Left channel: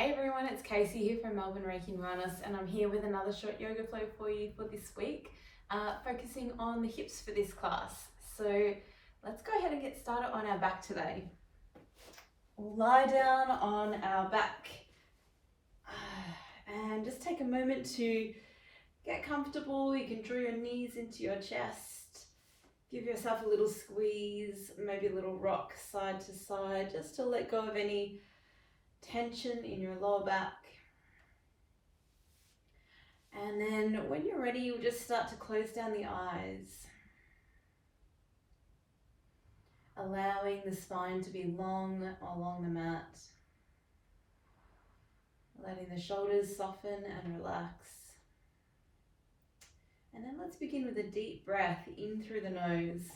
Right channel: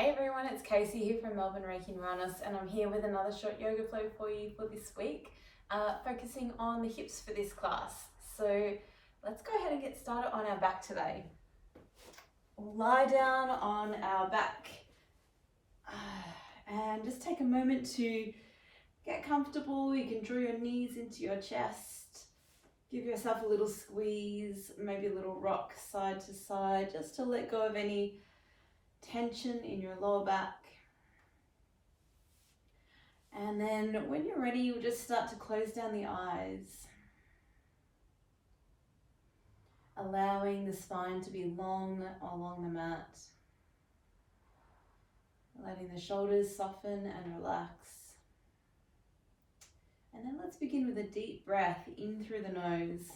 Hey everyone, it's Casey here from Melbourne Reiki and Wellness, and I'm here with another short yoga flow for you for this week, focusing on the hips for this class. So let's go ahead and get started on our back today. We'll lie down on our back and just take a moment to get comfortable. You can draw your knees into your chest, give yourself a little squeeze, maybe a little rock side to side, just to let go of any tension in your lower back. And then when you're ready, you'll just start to close down the eyes, allowing the spine to be long along the mat, letting the shoulders soften and relax. And then let's begin with a deep breath in through the nose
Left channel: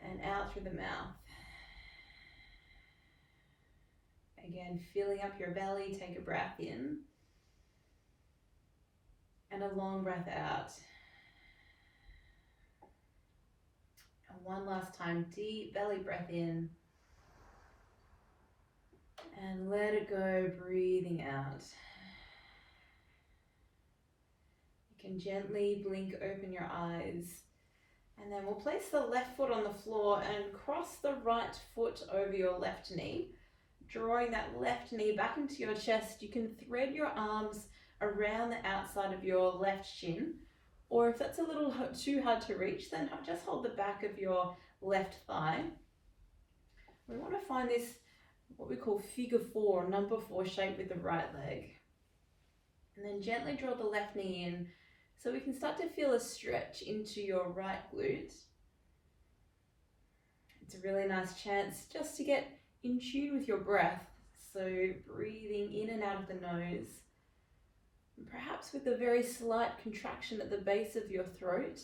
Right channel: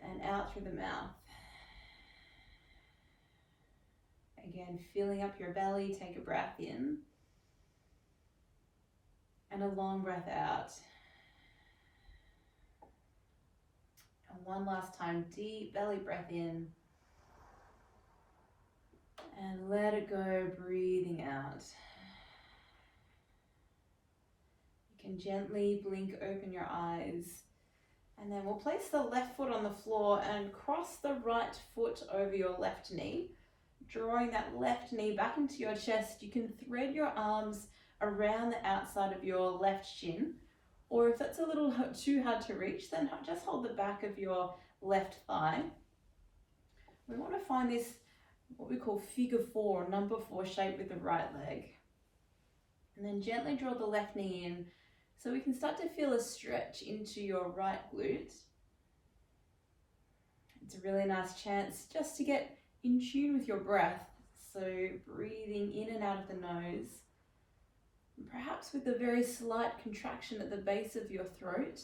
and out through the mouth. Again, filling up your belly, take a breath in and a long breath out. And one last time, deep belly breath in and let it go, breathing out. You can gently blink open your eyes, and then we'll place the left foot on the floor and cross the right foot over your left knee. Drawing that left knee back into your chest, you can thread your arms around the outside of your left shin, or if that's a little too hard to reach, then just hold the back of your left thigh. We want to find this, what we call figure 4, number 4 shape with the right leg. And then gently draw the left knee in so we can start to feel a stretch into your right glute. It's a really nice chance just to get in tune with your breath, so breathing in and out of the nose, and perhaps with a very slight contraction at the base of your throat,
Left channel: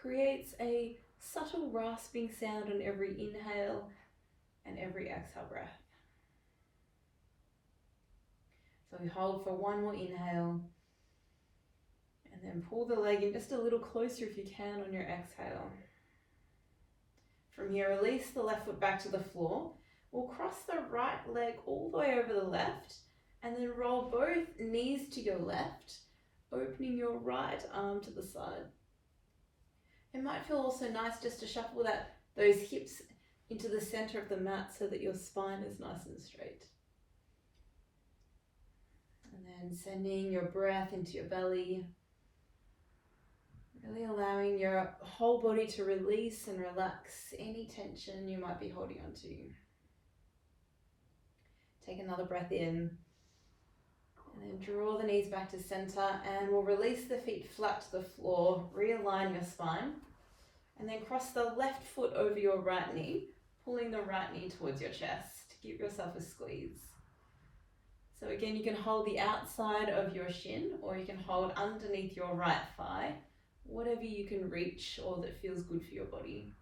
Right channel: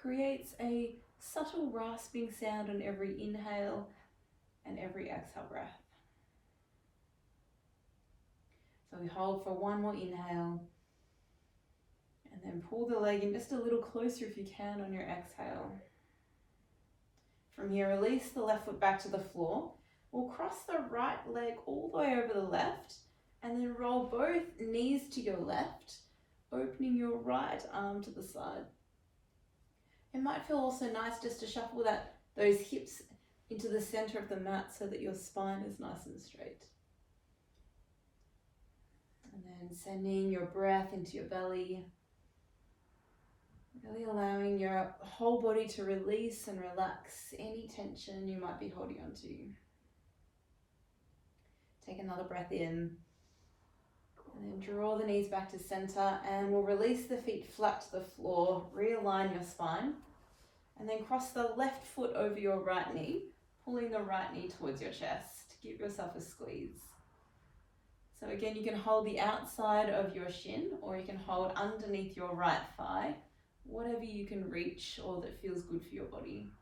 creates a subtle rasping sound on every inhale and every exhale breath. So we hold for one more inhale, and then pull the leg in just a little closer if you can on your exhale. From here, release the left foot back to the floor. We'll cross the right leg all the way over the left and then roll both knees to your left, opening your right arm to the side. It might feel also nice just to shuffle those hips into the center of the mat so that your spine is nice and straight. And then sending your breath into your belly, really allowing your whole body to release and relax any tension you might be holding on to. Take another breath in, and then draw the knees back to center, and we'll release the feet flat to the floor, realign your spine, and then cross the left foot over your right knee, pulling the right knee towards your chest. Give yourself a squeeze. So again, you can hold the outside of your shin, or you can hold underneath your right thigh, whatever you can reach or that feels good for your body.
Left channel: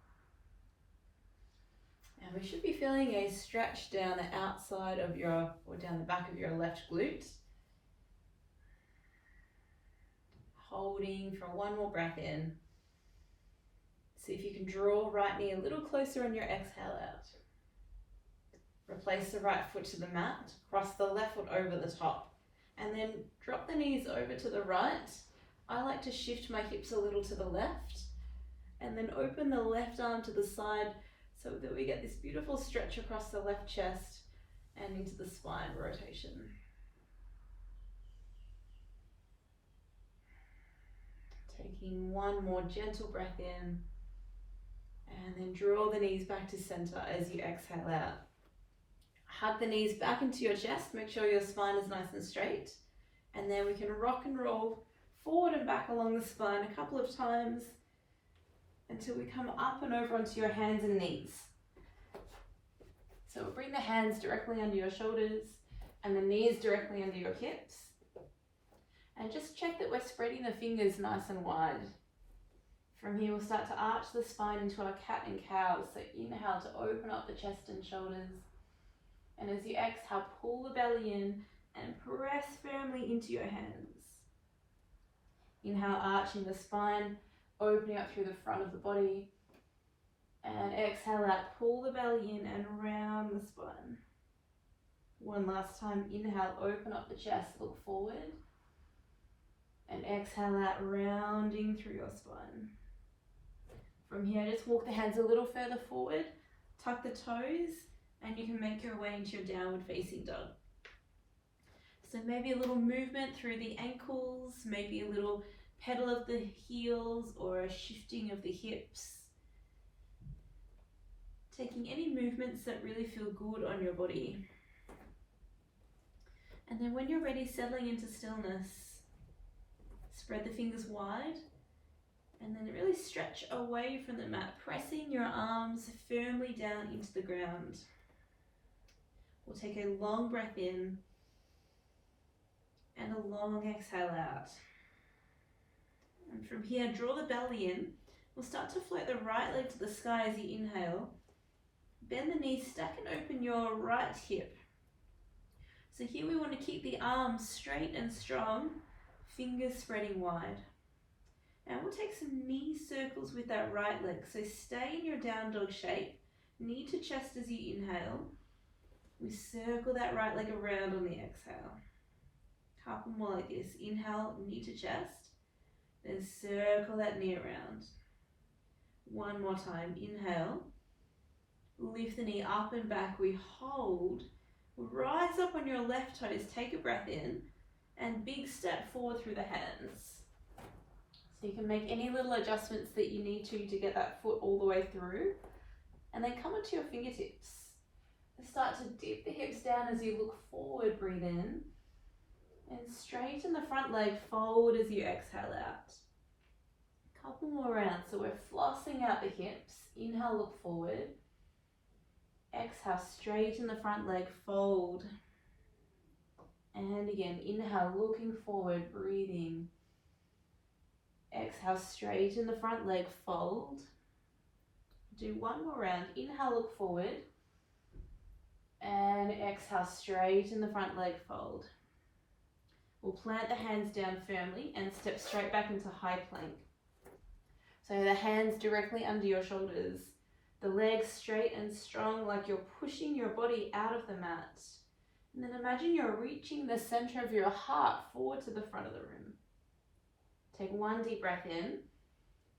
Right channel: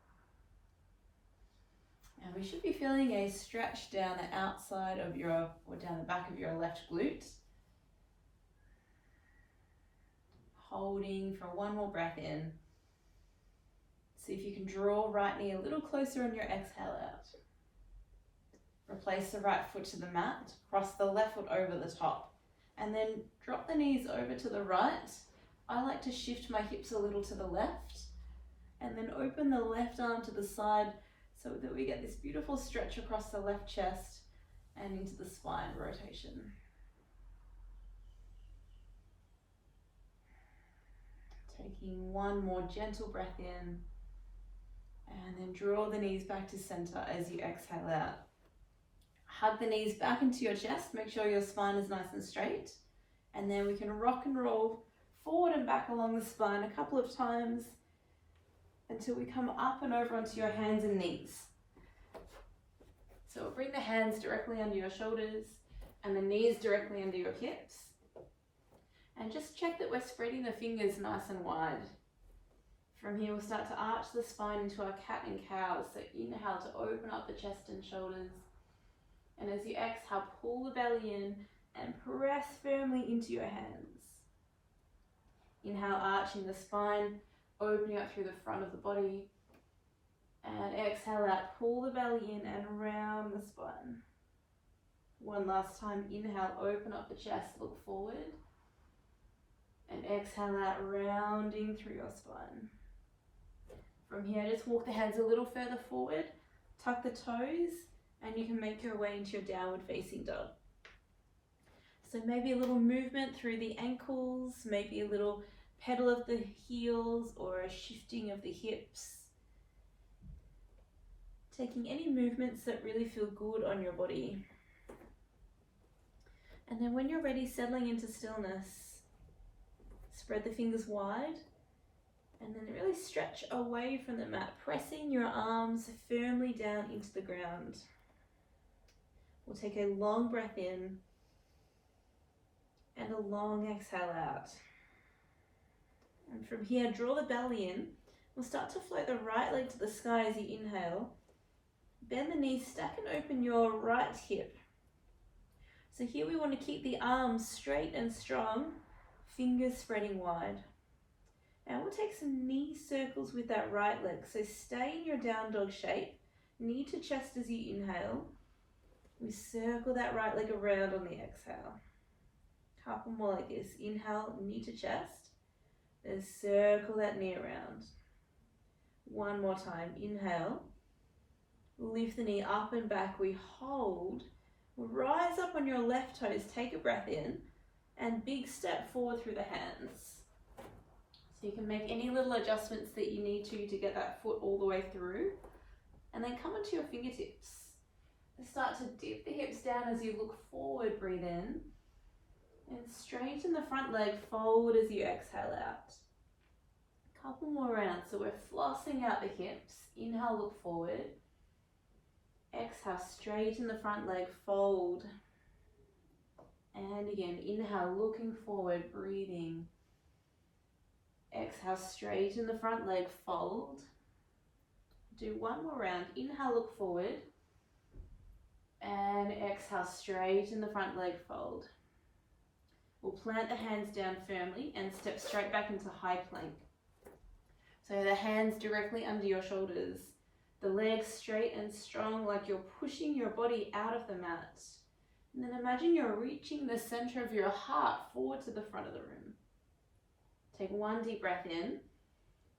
And we should be feeling a stretch down the outside of or down the back of your left glute. Holding for one more breath in. See if you can draw right knee a little closer on your exhale out. Replace the right foot to the mat, cross the left foot over the top, and then drop the knees over to the right. I like to shift my hips a little to the left, and then open the left arm to the side, so that we get this beautiful stretch across the left chest and into the spine rotation. Taking one more gentle breath in, and then draw the knees back to center as you exhale out. Hug the knees back into your chest, make sure your spine is nice and straight, and then we can rock and roll forward and back along the spine a couple of times until we come up and over onto your hands and knees. So we'll bring the hands directly under your shoulders and the knees directly under your hips. And just check that we're spreading the fingers nice and wide. From here, we'll start to arch the spine into our cat and cow. So inhale to open up the chest and shoulders. And as you exhale, pull the belly in and press firmly into your hands. Inhale, arching the spine, opening up through the front of the body, and exhale out, pull the belly in and round the spine. One last time, inhale, open up the chest, look forward. And exhale out, rounding through your spine. From here, just walk the hands a little further forward, tuck the toes, and you can make your way into your downward facing dog. So maybe a little movement through the ankles, maybe a little pedal of the heels or a shifting of the hips. Taking any movements that really feel good on your body. And then when you're ready, settling into stillness, spread the fingers wide and then really stretch away from the mat, pressing your arms firmly down into the ground. We'll take a long breath in and a long exhale out. And from here, draw the belly in. We'll start to float the right leg to the sky as you inhale. Bend the knees, stack and open your right hip. So here we want to keep the arms straight and strong, fingers spreading wide. And we'll take some knee circles with that right leg. So stay in your down dog shape, knee to chest as you inhale. We circle that right leg around on the exhale. Couple more like this. Inhale, knee to chest, then circle that knee around. One more time. Inhale, lift the knee up and back. We hold. Rise up on your left toes. Take a breath in and big step forward through the hands. So you can make any little adjustments that you need to get that foot all the way through. And then come onto your fingertips. Start to dip the hips down as you look forward. Breathe in. And straighten the front leg, fold as you exhale out. Couple more rounds. So we're flossing out the hips. Inhale, look forward. Exhale, straighten the front leg, fold. And again, inhale, looking forward, breathing. Exhale, straighten the front leg, fold. Do one more round. Inhale, look forward. And exhale, straighten the front leg, fold. We'll plant the hands down firmly and step straight back into high plank. So the hands directly under your shoulders. The legs straight and strong, like you're pushing your body out of the mat. And then imagine you're reaching the center of your heart forward to the front of the room. Take one deep breath in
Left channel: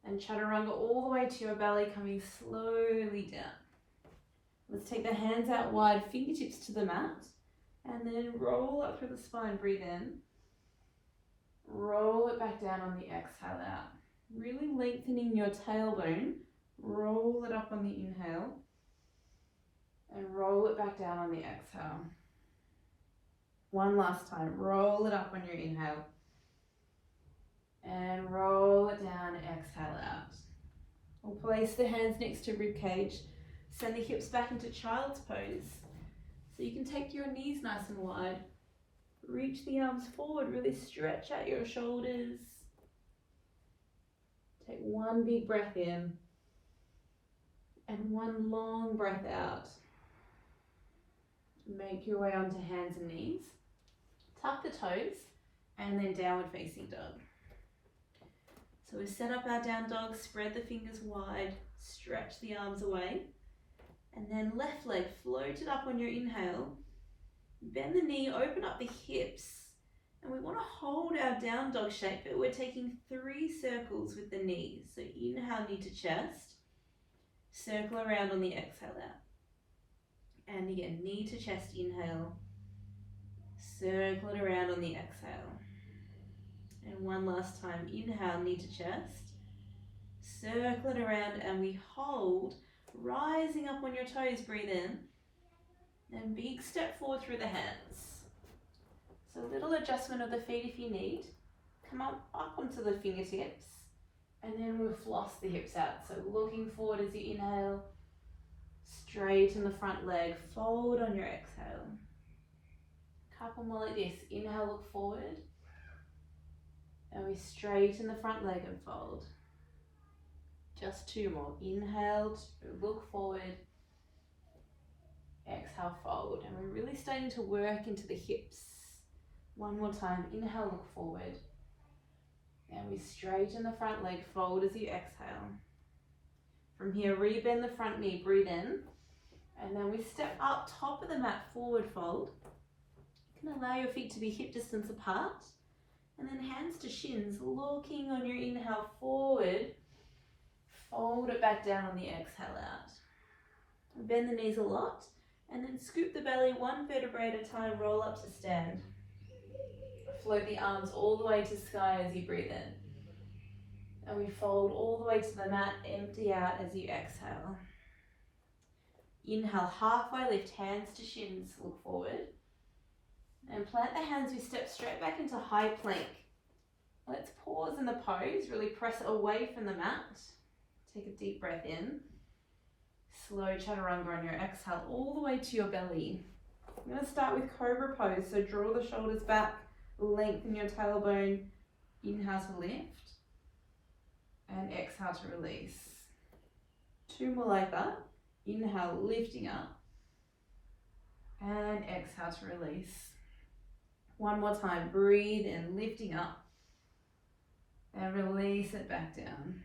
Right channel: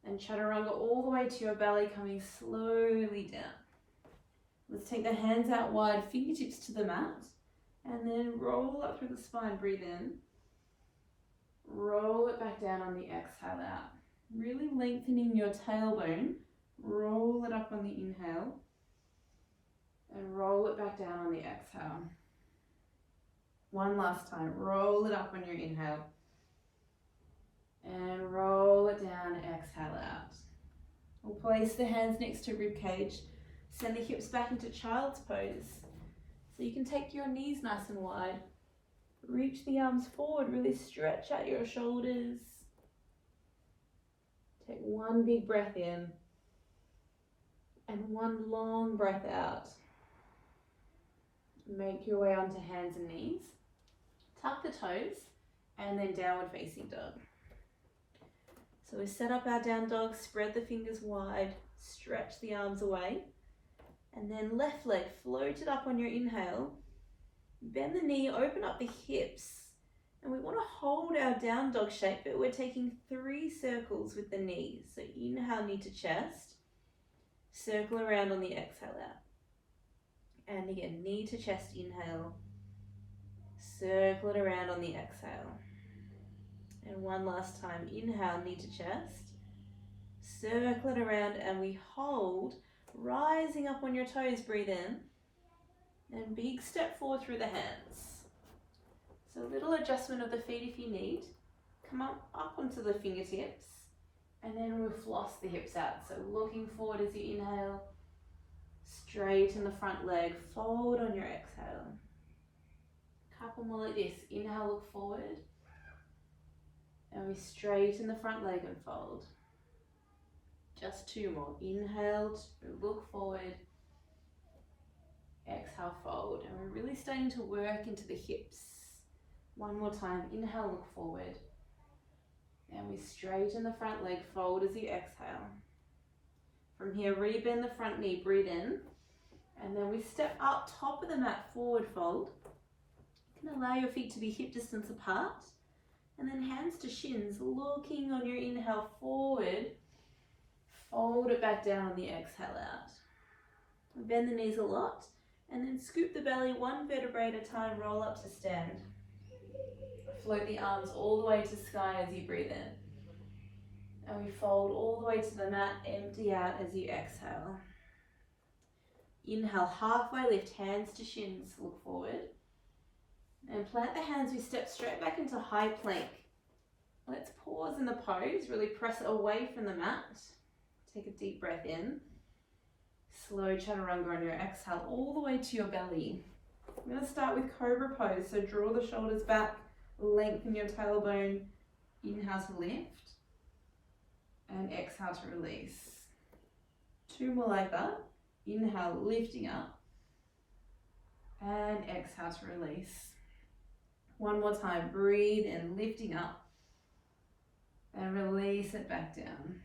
and chaturanga all the way to your belly, coming slowly down. Let's take the hands out wide, fingertips to the mat, and then roll up through the spine. Breathe in. Roll it back down on the exhale out. Really lengthening your tailbone. Roll it up on the inhale and roll it back down on the exhale. One last time. Roll it up on your inhale and roll it down, exhale out. We'll place the hands next to rib cage. Send the hips back into child's pose. So you can take your knees nice and wide. Reach the arms forward, really stretch out your shoulders. Take one big breath in and one long breath out. Make your way onto hands and knees. Tuck the toes and then downward facing dog. So we set up our down dog, spread the fingers wide, stretch the arms away. And then left leg, float it up on your inhale. Bend the knee, open up the hips. And we want to hold our down dog shape, but we're taking 3 circles with the knees. So inhale, knee to chest. Circle around on the exhale out. And again, knee to chest, inhale. Circle it around on the exhale. And one last time, inhale, knee to chest. Circle it around and we hold. Rising up on your toes, breathe in. And big step forward through the hands. So a little adjustment of the feet if you need. Come up onto the fingertips. And then we'll floss the hips out. So looking forward as you inhale. Straighten the front leg. Fold on your exhale. Couple more like this. Inhale, look forward. And we straighten the front leg and fold. Just 2 more. Inhale, look forward. Exhale, fold. And we're really starting to work into the hips. One more time. Inhale, look forward. And we straighten the front leg, fold as you exhale. From here, rebend the front knee, breathe in. And then we step up top of the mat, forward fold. You can allow your feet to be hip distance apart. And then hands to shins, looking on your inhale forward. Fold it back down on the exhale out. Bend the knees a lot. And then scoop the belly one vertebrae at a time, roll up to stand. Float the arms all the way to sky as you breathe in. And we fold all the way to the mat, empty out as you exhale. Inhale, halfway lift, hands to shins, look forward. And plant the hands, we step straight back into high plank. Let's pause in the pose, really press away from the mat. Take a deep breath in. Slow chaturanga on your exhale, all the way to your belly. I'm going to start with cobra pose, so draw the shoulders back, lengthen your tailbone, inhale to lift. And exhale to release. 2 more like that. Inhale, lifting up. And exhale to release. 1 more time. Breathe in, lifting up. And release it back down.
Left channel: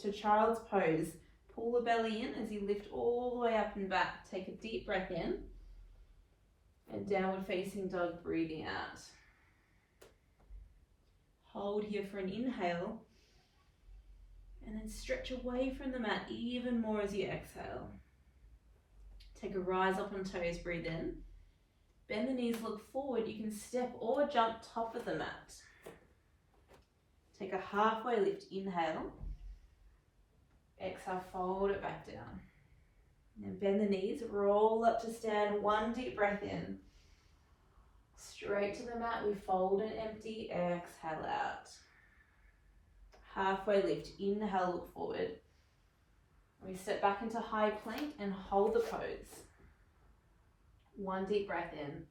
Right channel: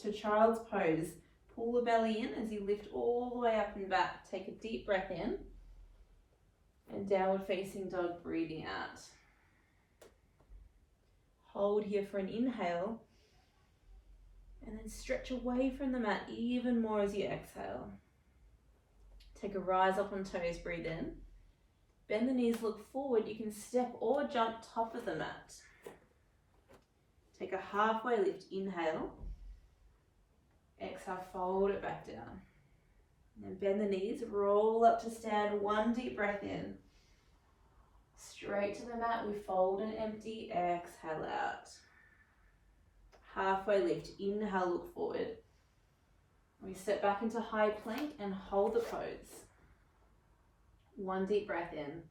To child's pose. Pull the belly in as you lift all the way up and back. Take a deep breath in. And downward facing dog, breathing out. Hold here for an inhale. And then stretch away from the mat even more as you exhale. Take a rise up on toes, breathe in. Bend the knees, look forward. You can step or jump top of the mat. Take a halfway lift, inhale. Exhale, fold it back down. And bend the knees, roll up to stand, 1 deep breath in. Straight to the mat, we fold and empty, exhale out. Halfway lift, inhale, look forward. We step back into high plank and hold the pose. 1 deep breath in.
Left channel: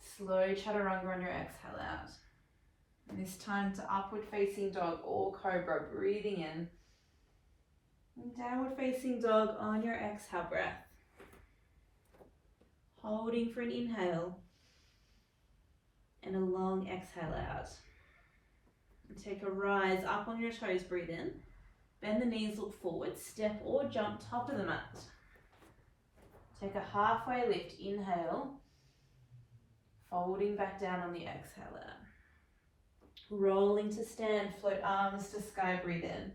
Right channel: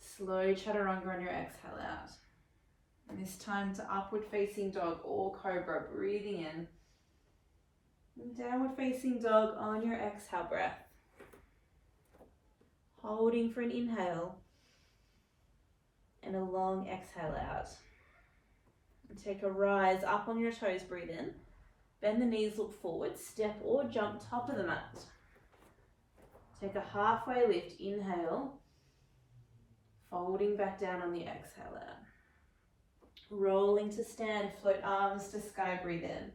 Slow chaturanga on your exhale out. And this time to upward facing dog or cobra, breathing in. And downward facing dog on your exhale breath. Holding for an inhale. And a long exhale out. And take a rise up on your toes, breathe in. Bend the knees, look forward, step or jump top of the mat. Take a halfway lift, inhale. Folding back down on the exhale out. Rolling to stand, float arms to sky, breathe in.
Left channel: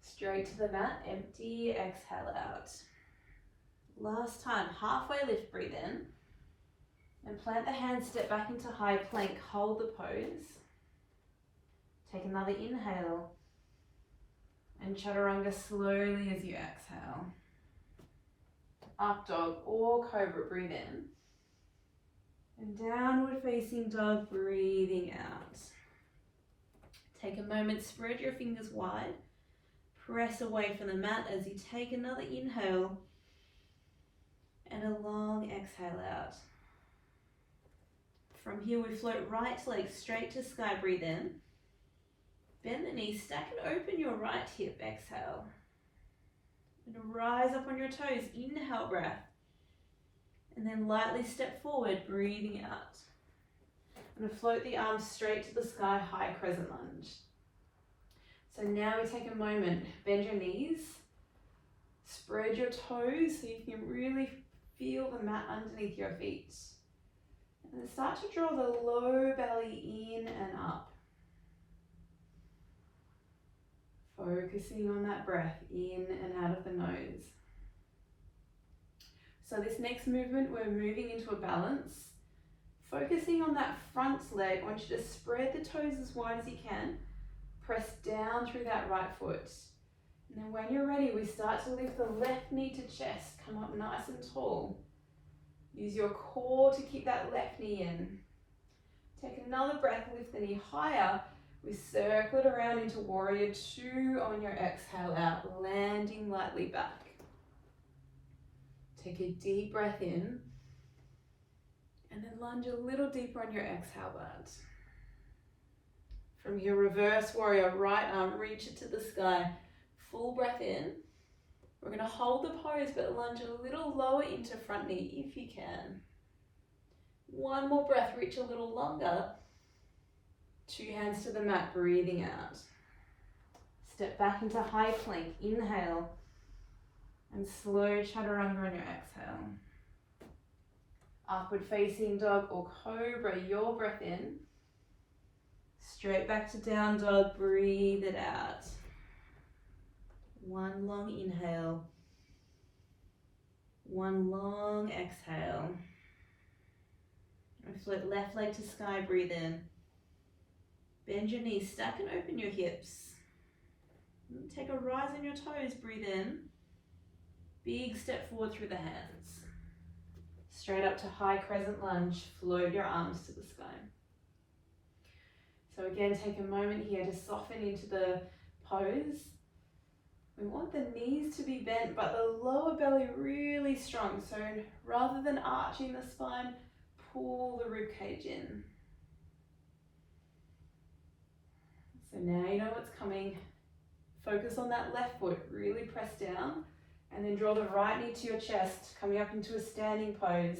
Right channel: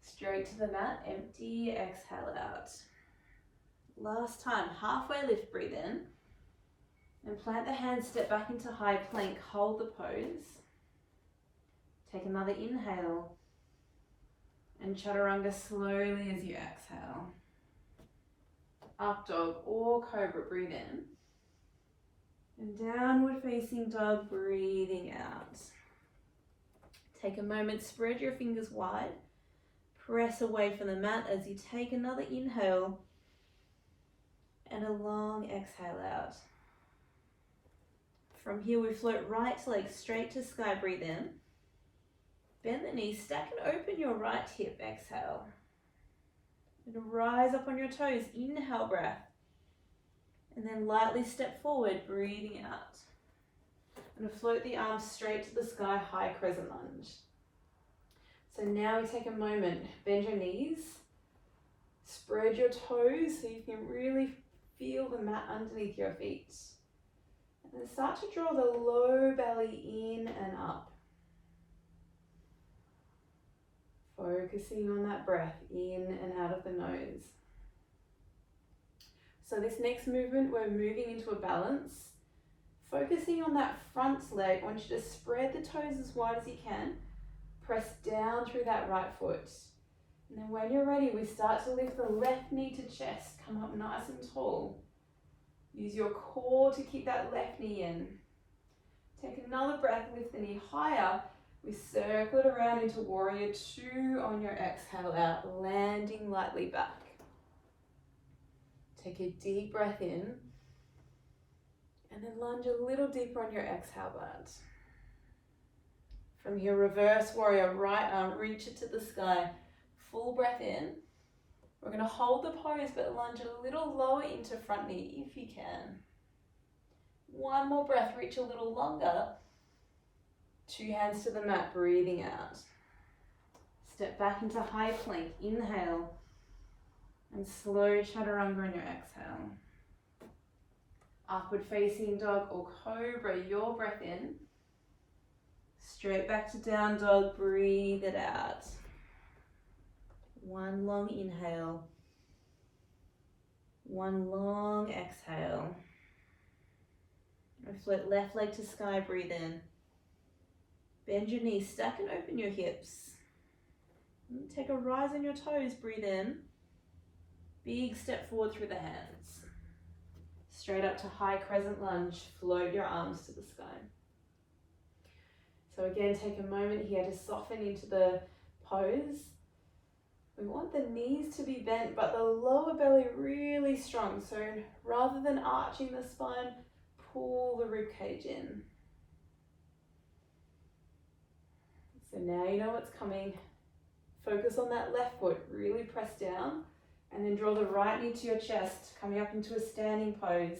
Straight to the mat, empty, exhale out. Last time, halfway lift, breathe in. And plant the hands, step back into high plank, hold the pose. Take another inhale. And chaturanga slowly as you exhale. Up dog or cobra, breathe in. And downward facing dog, breathing out. Take a moment, spread your fingers wide. Press away from the mat as you take another inhale. And a long exhale out. From here we float right leg straight to sky, breathe in. Bend the knees, stack and open your right hip, exhale. And rise up on your toes, inhale breath. And then lightly step forward, breathing out. And float the arms straight to the sky, high crescent lunge. So now we take a moment, bend your knees, spread your toes so you can really feel the mat underneath your feet. And then start to draw the low belly in and up. Focusing on that breath in and out of the nose. So this next movement, we're moving into a balance. Focusing on that front leg, I want you to spread the toes as wide as you can. Press down through that right foot. And then when you're ready, we start to lift the left knee to chest. Come up nice and tall. Use your core to keep that left knee in. Take another breath, lift the knee higher. We circle it around into warrior 2 on your exhale out, landing lightly back. Take a deep breath in. And then lunge a little deeper on your exhale out. From here, reverse warrior, right arm, reach it to the sky. Full breath in. We're going to hold the pose, but lunge a little lower into front knee if you can. 1 more breath, reach a little longer. 2 hands to the mat, breathing out. Step back into high plank, inhale. And slow chaturanga on your exhale. Upward facing dog or cobra, your breath in. Straight back to down dog, breathe it out. One long inhale. One long exhale. Float left leg to sky, breathe in. Bend your knees, stack and open your hips. Take a rise on your toes, breathe in. Big step forward through the hands. Straight up to high crescent lunge, float your arms to the sky. So again, take a moment here to soften into the pose. We want the knees to be bent, but the lower belly really strong. So rather than arching the spine, pull the rib cage in. So now you know what's coming. Focus on that left foot, really press down, and then draw the right knee to your chest, coming up into a standing pose.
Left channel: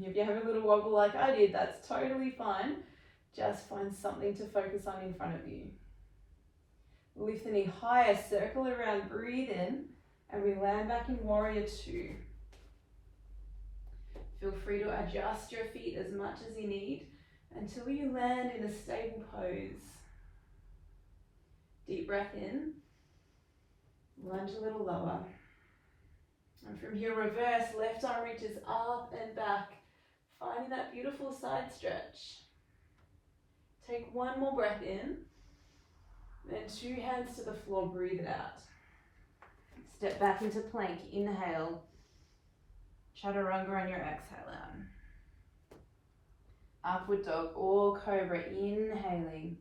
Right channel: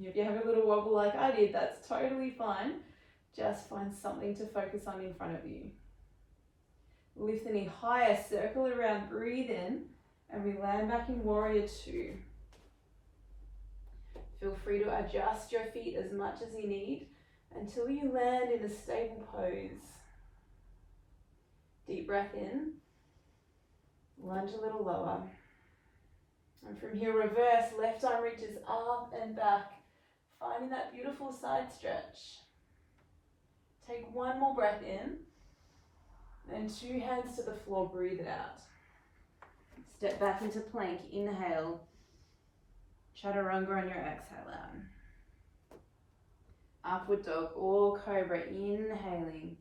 If you have a little wobble like I did, that's totally fine. Just find something to focus on in front of you. Lift the knee higher, circle around, breathe in, and we land back in warrior two. Feel free to adjust your feet as much as you need until you land in a stable pose. Deep breath in, lunge a little lower. And from here, reverse, left arm reaches up and back, finding that beautiful side stretch. Take one more breath in, then two hands to the floor, breathe it out. Step back into plank, inhale, chaturanga on your exhale out. Upward dog or cobra, inhaling.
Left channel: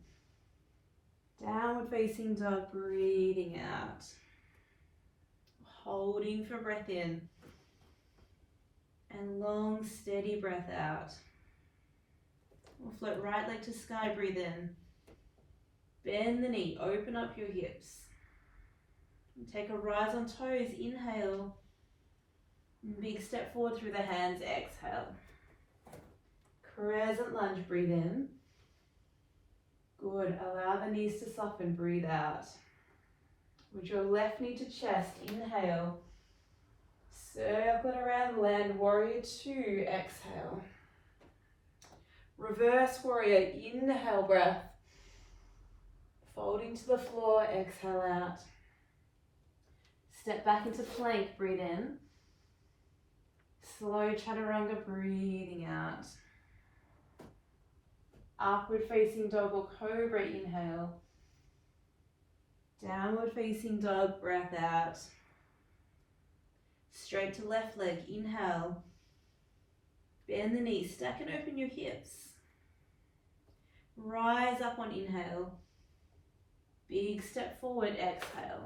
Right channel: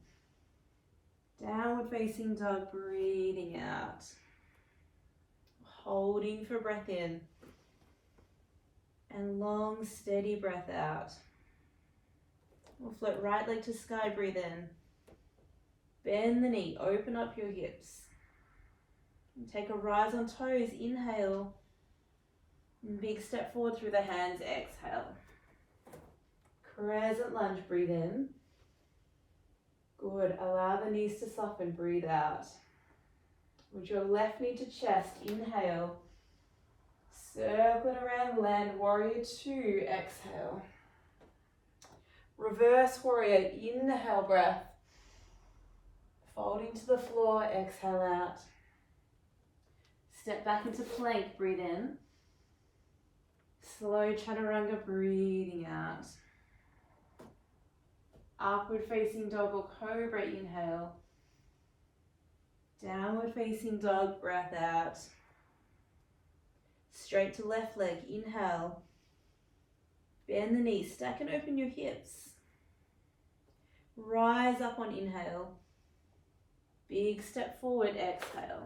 Downward facing dog, breathing out. Holding for breath in. And long, steady breath out. We'll float right leg to sky, breathe in. Bend the knee, open up your hips. And take a rise on toes, inhale. And big step forward through the hands, exhale. Crescent lunge, breathe in. Good, allow the knees to soften, breathe out. With your left knee to chest, inhale. Circle it around, land warrior two, exhale. Reverse warrior, inhale breath. Folding to the floor, exhale out. Step back into plank, breathe in. Slow chaturanga, breathing out. Upward facing dog or cobra, inhale. Downward facing dog, breath out. Straight to left leg, inhale. Bend the knees, stack and open your hips. Rise up on inhale. Big step forward, exhale.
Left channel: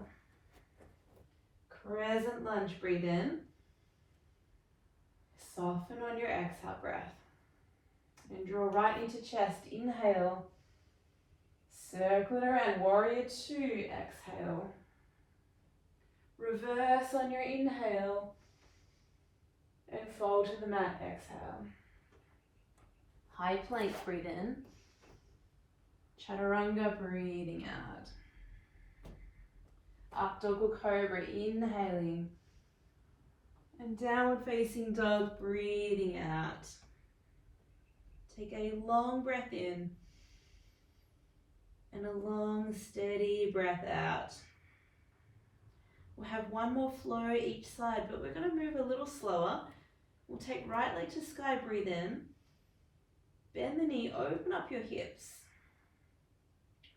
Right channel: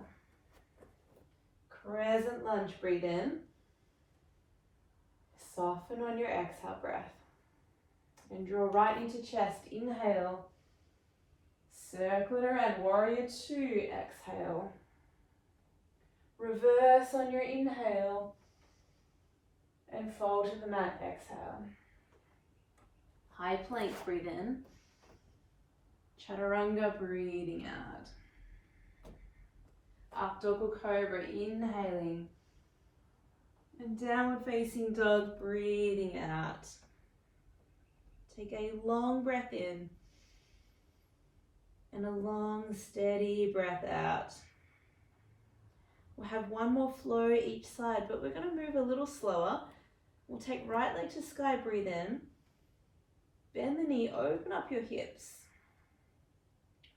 Crescent lunge, breathe in. Soften on your exhale breath. And draw right into chest, inhale. Circle it around, warrior two, exhale. Reverse on your inhale. And fold to the mat, exhale. High plank, breathe in. Chaturanga, breathing out. Up dog or cobra, inhaling. And downward facing dog, breathing out. Take a long breath in. And a long, steady breath out. We'll have one more flow each side, but we're going to move a little slower. We'll take right leg to sky, breathe in. Bend the knee, open up your hips.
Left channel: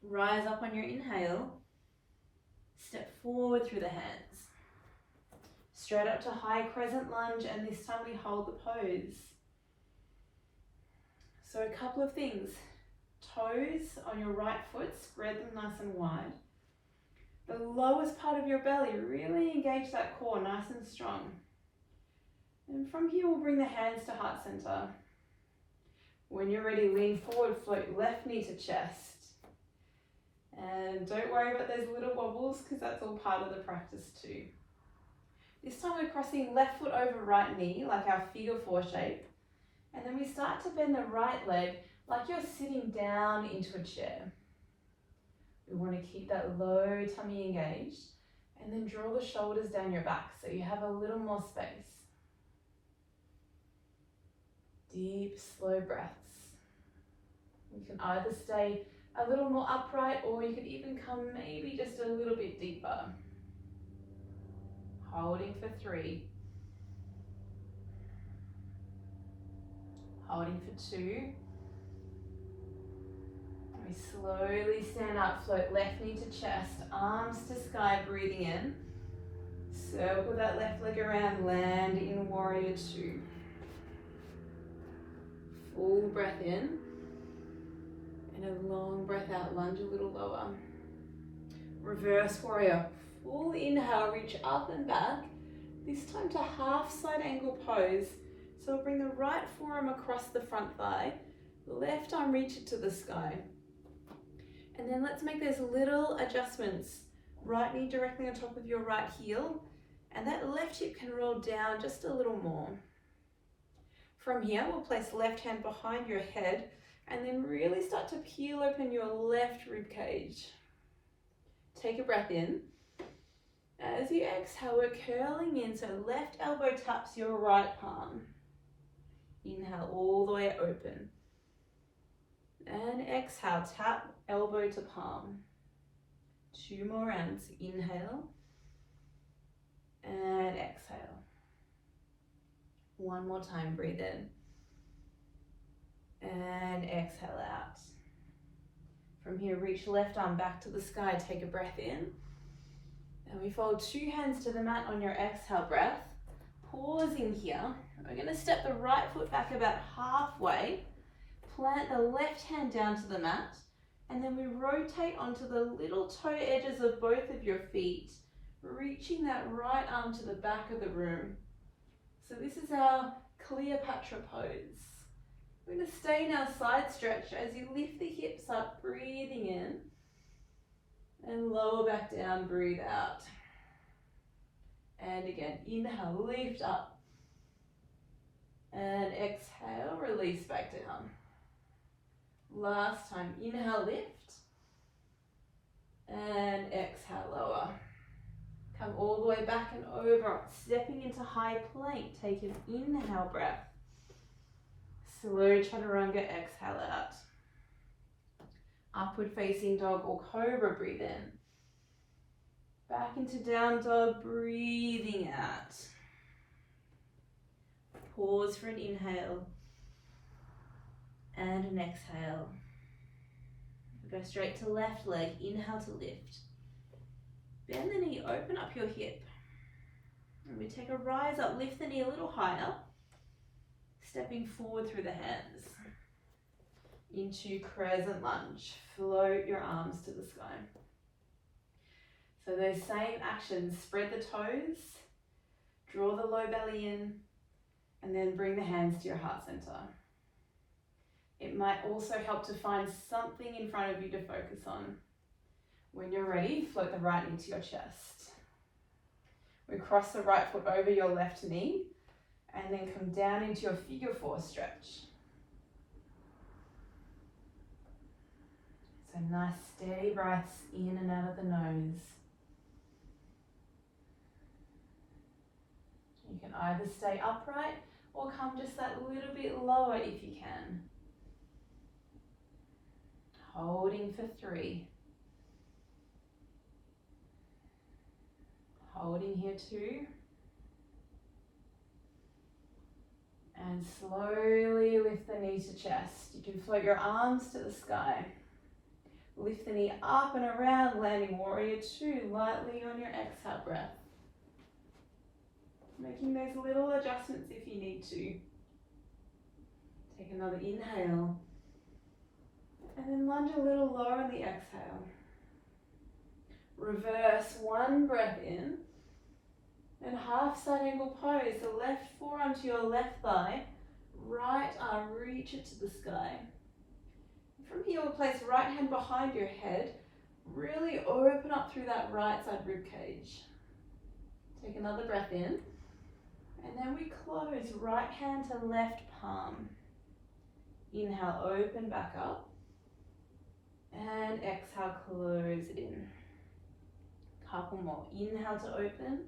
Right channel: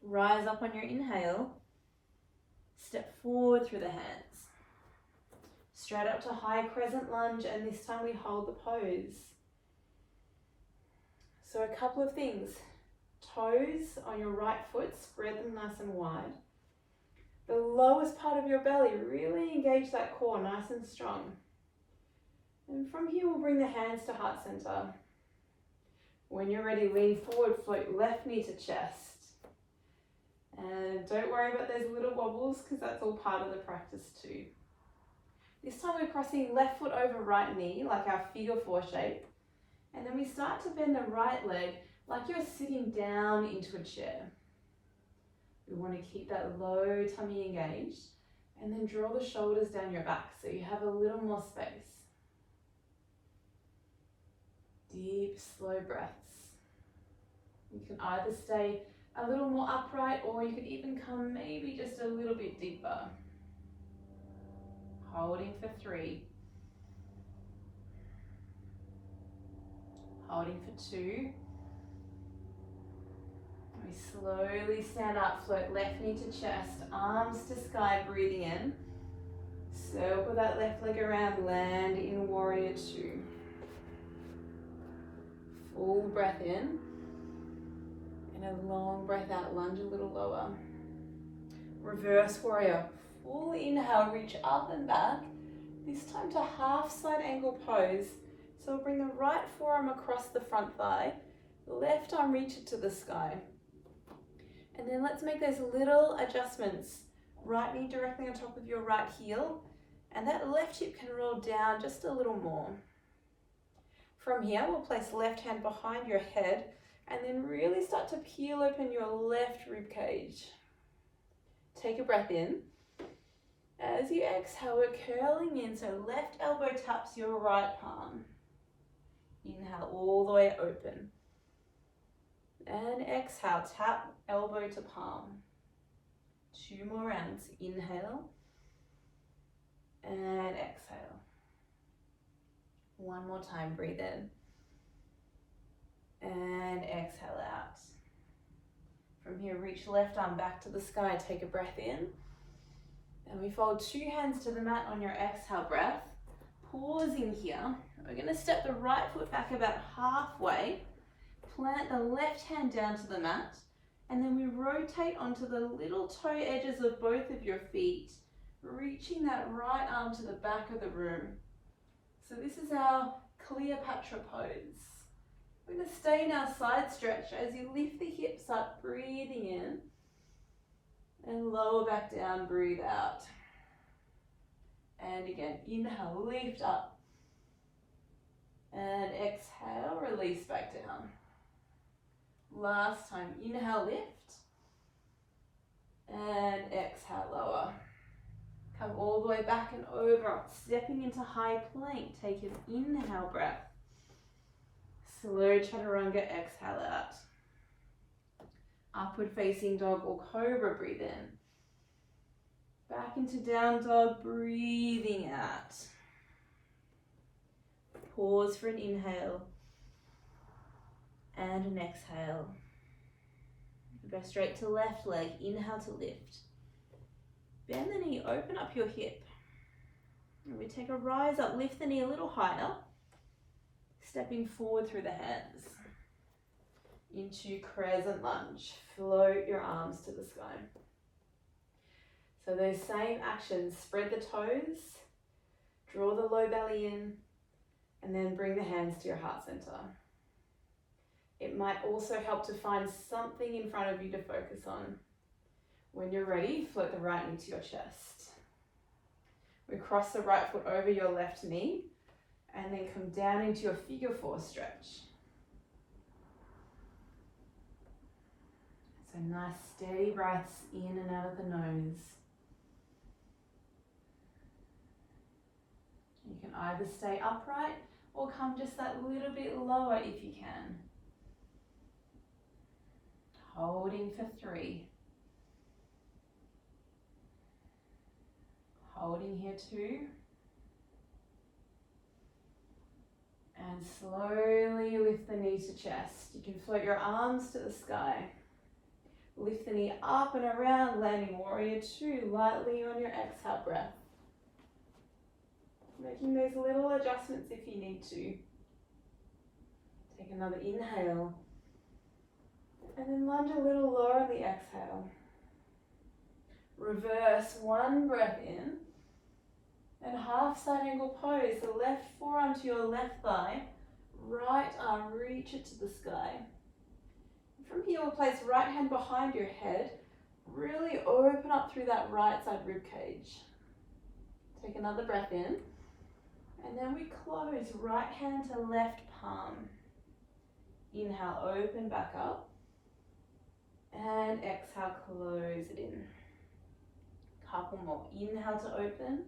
Rise up on your inhale. Step forward through the hands. Straight up to high crescent lunge, and this time we hold the pose. So a couple of things. Toes on your right foot, spread them nice and wide. The lowest part of your belly, really engage that core nice and strong. And from here, we'll bring the hands to heart center. When you're ready, lean forward, float left knee to chest. And don't worry about those little wobbles because that's all part of the practice too. This time we're crossing left foot over right knee, like our figure four shape. And then we start to bend the right leg like you're sitting down into a chair. We want to keep that low tummy engaged and then draw the shoulders down your back so you have a little more space. Deep, slow breaths. You can either stay a little more upright or you could even come maybe just a little bit deeper. Holding for 3. Holding for 2. We slowly stand up, float left knee to chest, arms to sky, breathing in. Circle that left leg around, land in warrior 2. Full breath in. And a long breath out, lunge a little lower. Reverse warrior. Full inhale, reach up and back. This time to half side angle pose. So we'll bring the right forearm across the front thigh. Left arm reach it to the sky. And then let's make those little adjustments. Right knee directly on top of your right heel. And that left hip can roll down just a little more. From here, we'll place left hand behind your head and then really start to peel open your left rib cage. Take a breath in. As you exhale, we're curling in, so left elbow taps your right palm. Inhale all the way open. And exhale, tap elbow to palm. 2 more rounds. Inhale and exhale. 1 more time, breathe in. And exhale out. From here, reach left arm back to the sky, take a breath in. And we fold 2 hands to the mat on your exhale breath. Pausing here, we're gonna step the right foot back about halfway, plant the left hand down to the mat, and then we rotate onto the little toe edges of both of your feet, reaching that right arm to the back of the room. So this is our Cleopatra pose. We're going to stay in our side stretch as you lift the hips up, breathing in, and lower back down, breathe out. And again, inhale, lift up, and exhale, release back down. Last time, inhale, lift, and exhale, lower. Come all the way back and over, stepping into high plank. Take an inhale breath. Slow chaturanga, exhale out. Upward facing dog or cobra, breathe in. Back into down dog, breathing out. Pause for an inhale and an exhale. Go straight to left leg, inhale to lift. Bend the knee, open up your hip. And we take a rise up, lift the knee a little higher. Stepping forward through the hands. Into crescent lunge. Float your arms to the sky. So those same actions, spread the toes, draw the low belly in, and then bring the hands to your heart center. It might also help to find something in front of you to focus on. When you're ready, float the right knee to your chest. We cross the right foot over your left knee and then come down into your figure 4 stretch. So nice steady breaths in and out of the nose. You can either stay upright or come just that little bit lower if you can. Holding for 3. Holding here 2. And slowly lift the knee to chest. You can float your arms to the sky. Lift the knee up and around, landing warrior 2 lightly on your exhale breath. Making those little adjustments if you need to. Take another inhale. And then lunge a little lower on the exhale. Reverse 1 breath in. And half side angle pose. The left forearm to your left thigh. Right arm, reach it to the sky. From here, we'll place right hand behind your head. Really open up through that right side rib cage. Take another breath in. And then we close right hand to left palm. Inhale, open back up. And exhale, close it in. Couple more. Inhale to open.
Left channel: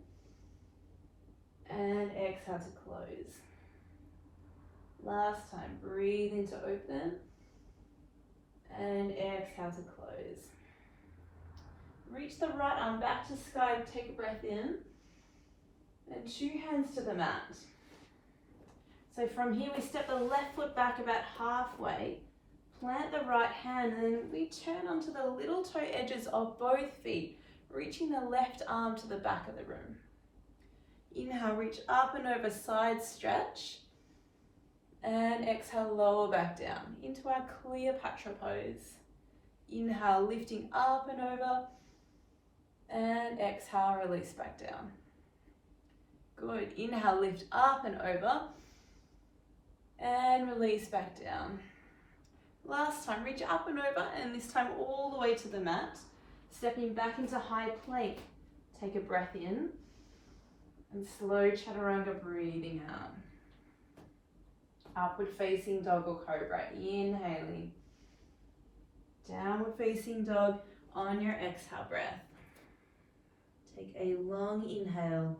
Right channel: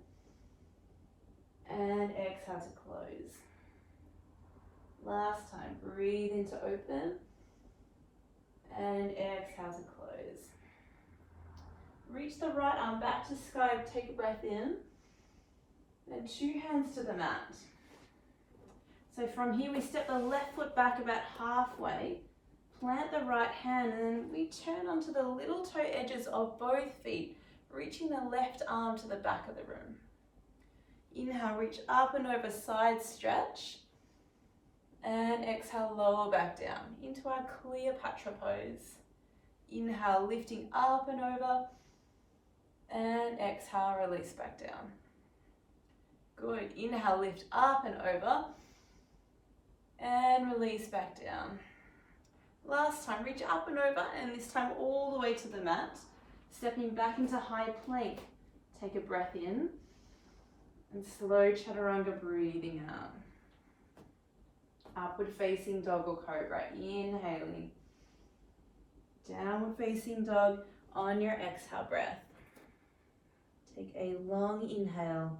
And exhale to close. Last time, breathe in to open and exhale to close. Reach the right arm back to sky, take a breath in, and 2 hands to the mat. So from here we step the left foot back about halfway, plant the right hand, and then we turn onto the little toe edges of both feet, reaching the left arm to the back of the room. Inhale, reach up and over, side stretch, and exhale, lower back down into our Cleopatra pose. Inhale, lifting up and over, and exhale, release back down. Good. Inhale, lift up and over, and release back down. Last time, reach up and over, and this time all the way to the mat. Stepping back into high plank. Take a breath in, and slow chaturanga, breathing out. Upward facing dog or cobra, inhaling. Downward facing dog on your exhale breath. Take a long inhale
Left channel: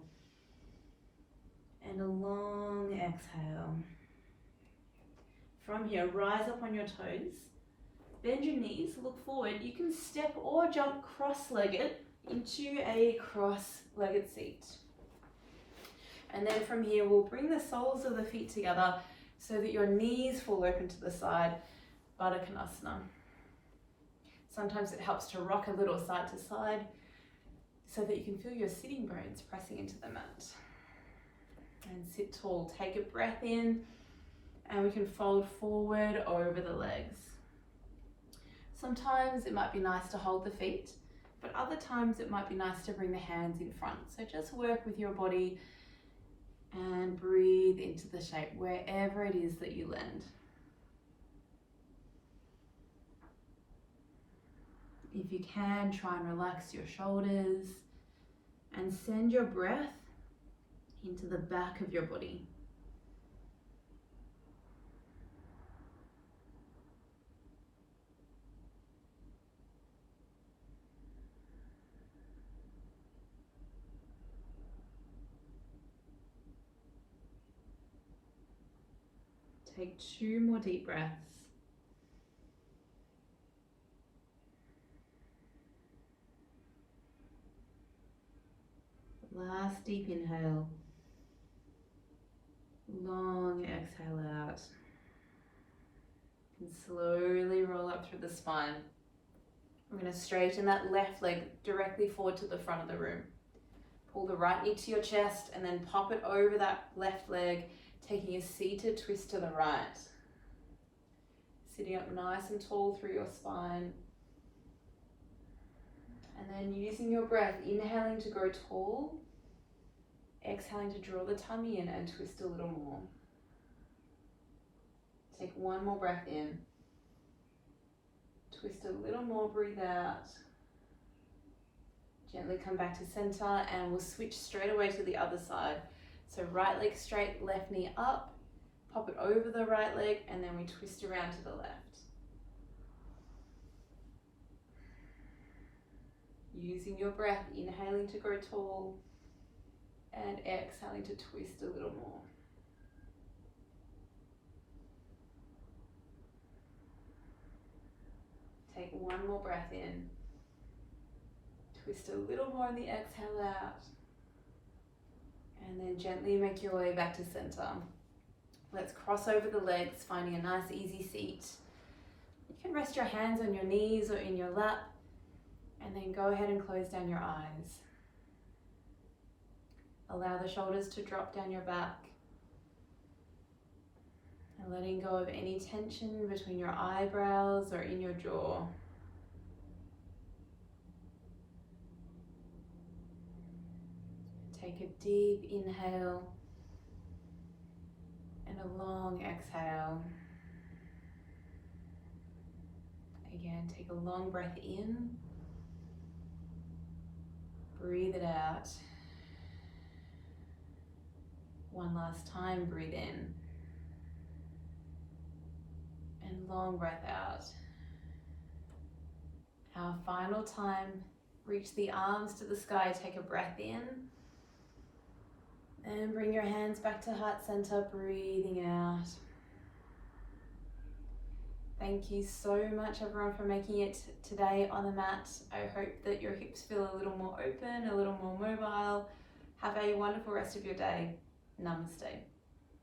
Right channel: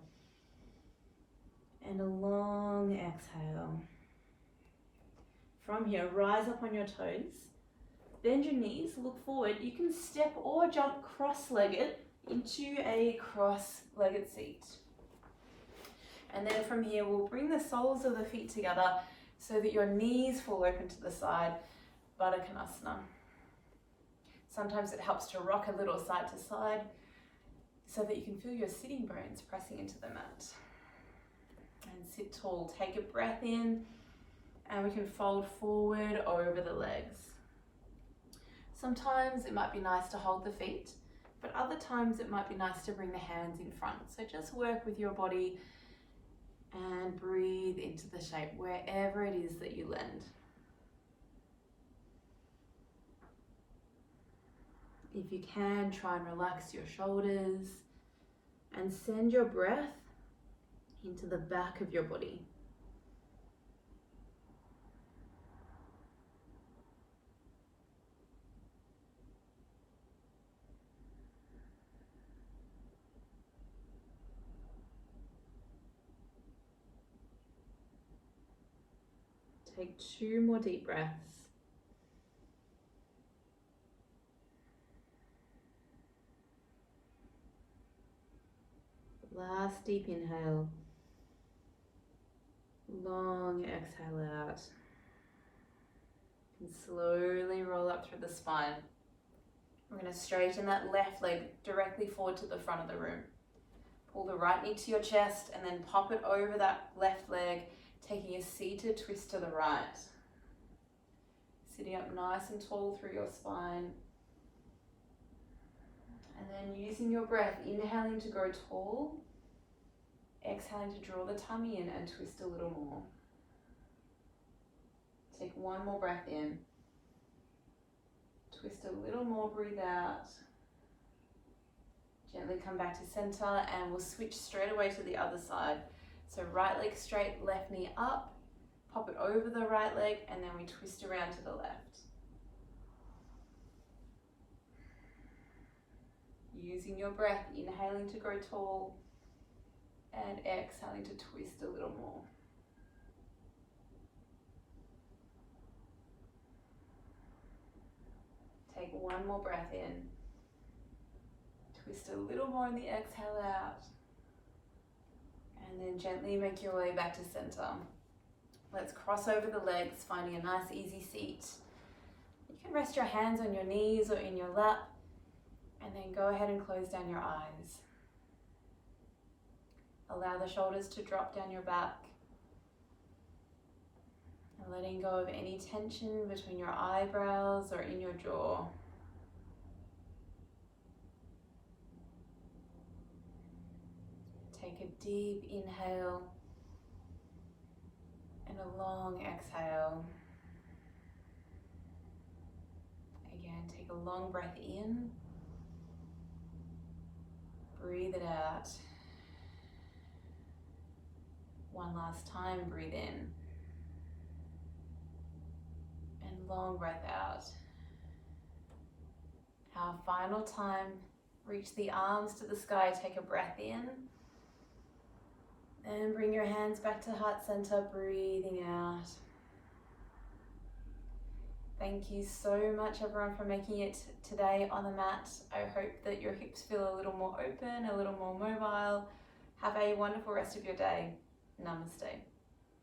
and a long exhale. From here, rise up on your toes, bend your knees, look forward. You can step or jump cross-legged into a cross-legged seat. And then from here, we'll bring the soles of the feet together so that your knees fall open to the side, Baddha Konasana. Sometimes it helps to rock a little side to side so that you can feel your sitting bones pressing into the mat. And sit tall, take a breath in, and we can fold forward over the legs. Sometimes it might be nice to hold the feet, but other times it might be nice to bring the hands in front. So just work with your body and breathe into the shape wherever it is that you land. If you can, try and relax your shoulders and send your breath into the back of your body. Take 2 more deep breaths. Last deep inhale. Long exhale out. And slowly roll up through the spine. We're going to straighten that left leg directly forward to the front of the room. Pull the right knee to your chest and then pop it over that left leg, taking a seated twist to the right. Sitting up nice and tall through your spine. And then using your breath, inhaling to grow tall, exhaling to draw the tummy in and twist a little more. Take 1 more breath in. Twist a little more, breathe out. Gently come back to center and we'll switch straight away to the other side. So right leg straight, left knee up, pop it over the right leg, and then we twist around to the left. Using your breath, inhaling to grow tall, and exhaling to twist a little more. Take 1 more breath in. Twist a little more in the exhale out. And then gently make your way back to center. Let's cross over the legs, finding a nice easy seat. You can rest your hands on your knees or in your lap, and then go ahead and close down your eyes. Allow the shoulders to drop down your back. And letting go of any tension between your eyebrows or in your jaw. Take a deep inhale and a long exhale. Again, take a long breath in. Breathe it out. One last time, breathe in. And long breath out. Our final time, reach the arms to the sky, take a breath in. And bring your hands back to heart center, breathing out. Thank you so much everyone for making it today on the mat. I hope that your hips feel a little more open, a little more mobile. Have a wonderful rest of your day. Namaste.